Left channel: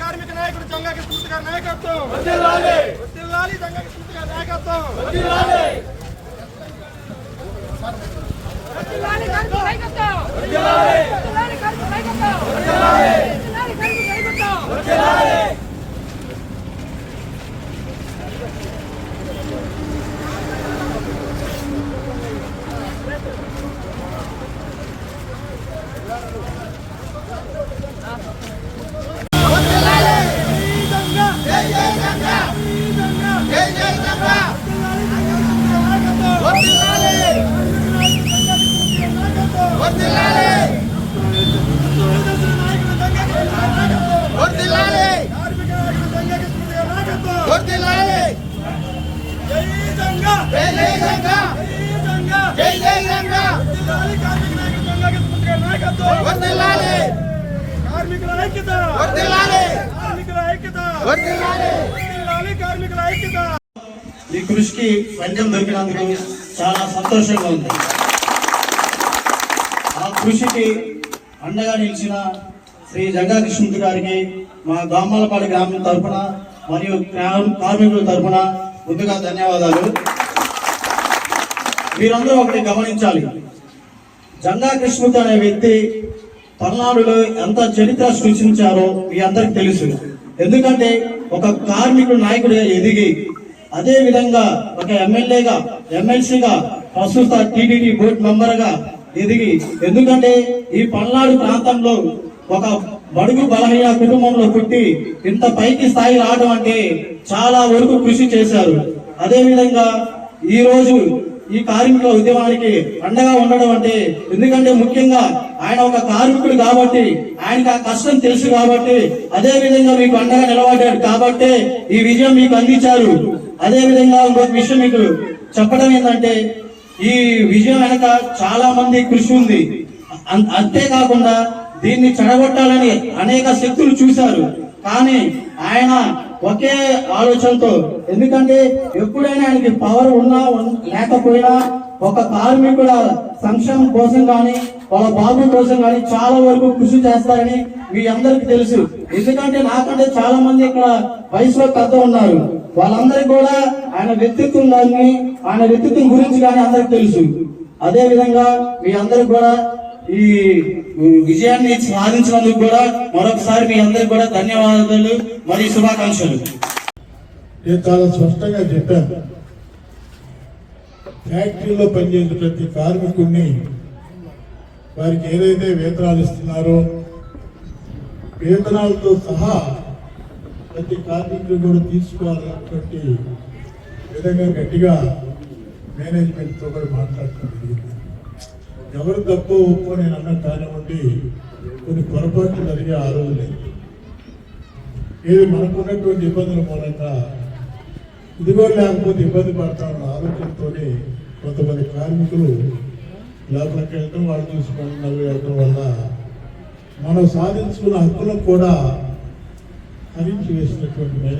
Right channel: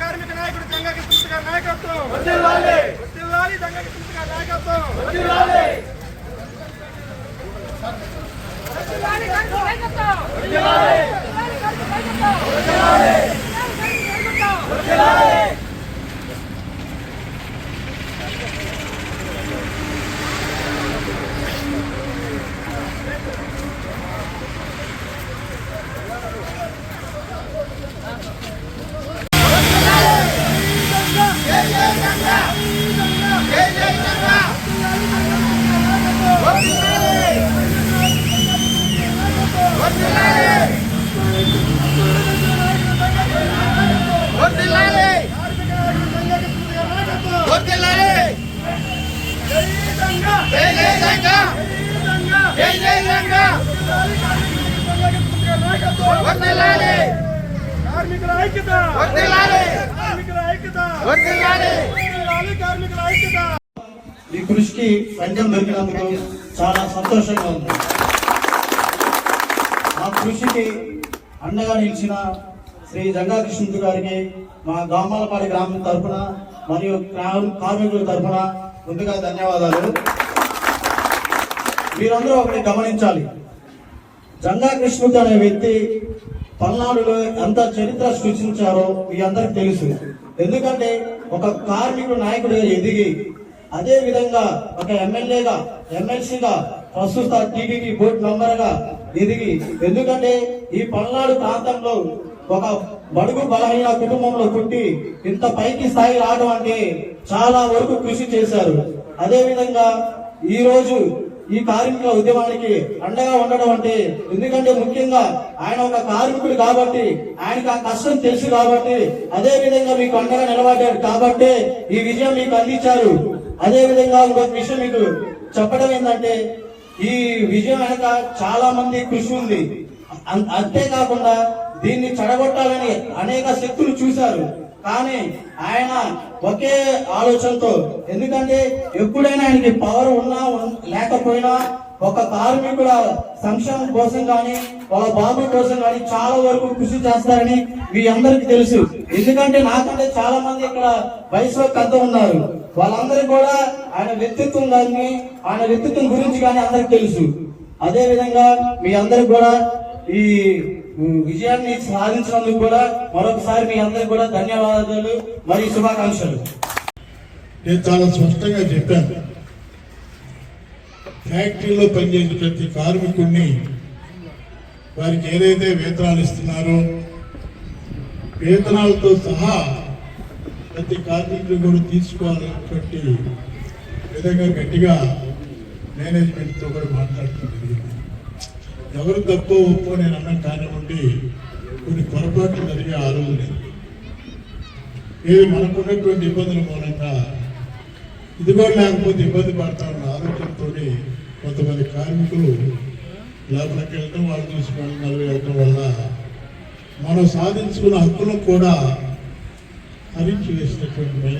కార్మిక నాయకుడు జంగాకి పూర్తిగా నాయకత్వం ఈ కృషికి ఫలితం దొరికినందుకు చాలా సంతోషంగా ఉంది. ఆ కృషికి అండగా నిలిచిన శ్రీ జంగా కృష్ణమూర్తి గారికి మా గామాలపాడి గ్రామం తరఫున మరియు కార్మికుల తరఫున ముందుగా ధన్యవాదాలు. మీరందరూ ఒకటి గమనించాలి, జంగా కృష్ణమూర్తి అనే వ్యక్తి పల్నాడులో ఎంత చరిత్ర సృష్టించారో మీ అందరికి తెలుసు. ఎందుకంటే ఒక కార్మికుడు నాయకుడిగా ఎదిగి అదే విధంగా ఒక ఎమ్మెల్యేగా, ఎమ్మెల్సీగా, ప్రస్తుత టీటీడీ బోర్డు మెంబర్గా ఎదిగి, ఎందుకంటే ఈ పల్నాడు ప్రాంతంలో ఒక బడుగు బలహీన కుటుంబంలో పుట్టి ఇంత పైకి స్థాయి రావడం అంటే చాలా వరకు కృషి చేశారు. అదే విధంగా ఈ రోజు ఈ కార్మికుల ఉద్యమానికి అండగా ఉండడం అంటే, ఎందుకంటే ముఖ్యంగా ఆయన ఒక కార్మికుడు కాబట్టి ఆయనకు ఆ కష్టం తెలుసు కాబట్టి, అదే విధంగా మీకు అండగా నిలబడ్డాడు కాబట్టి ఈ విజయం మీకు అందించారు. అదే విధంగా ఇంకొక విషయం మీకు చెప్పడం ఏంటంటే, ఈ విజయం వెనక చాలా మంది కృషి ఉంది. అంతేకాకుండా దీన్ని చెడగొట్టాలని అనేక శక్తులు చూశారు. కానీ ఆయన ఒకే ఆలోచనతో, ఎందుకంటే ఎప్పుడైనా ఆయనకి పవర్ ఉన్నా లేకపోయినా ఒక కార్మికుల సంక్షేమం కోసం కానీ వాళ్ళ బాబు కోసం కానీ చాలా వరకు కృషి చేస్తారని మీ అందరికి తెలుసు. ఎందుకంటే నాకంటే చాలా మంది ఇక్కడ వయసులో పెద్ద ఉన్నారు. వాళ్ళందరికీ కూడా ఆయన వ్యక్తిత్వం కానీ ఆయన వ్యక్తిత్వం గురించి కానీ అందరికి తెలుసు. అదే విధంగా మీ అందరికి కూడా ఈ విజయాన్ని సాధించినందుకు కూడా మరొకసారి మీ అందరికి కూడా ధన్యవాదాలు మరియు శుభాకాంక్షలు. నేను చాలా స్పష్టంగా చెప్పాను, ఫ్యాక్టరీలో పనిచేసే ప్రతి కార్మికుడిని వారికి ఏదైతే వేతనాలు ఇస్తున్నారో వేతనాలతో సహా ప్రతి కార్మికులు కూడా తీసుకోవాలనేటువంటి విధంగా గట్టిగా మేనేజ్మెంట్తో కూడా మాట్లాడుతుంది. ఎవరు తప్పు ఒప్పు నేను అన్న కానివ్వండి, కొన్ని పొరపాట్లు జరిగే ఆ రోజునే ఇది మనకున్నటువంటి ఇబ్బందుల మూలంగా ఇది కూడా లేకపోతే ఇబ్బంది పడతా ఉన్న ఆలోచనతో కొంతమంది కార్మికులు లోపలికి వెళ్ళడం, వాళ్ళు తీసుకొని మళ్ళీ వెళ్ళడం వల్ల మనం సాధించుకున్న హక్కులను కూడా హరించి వేసినటువంటి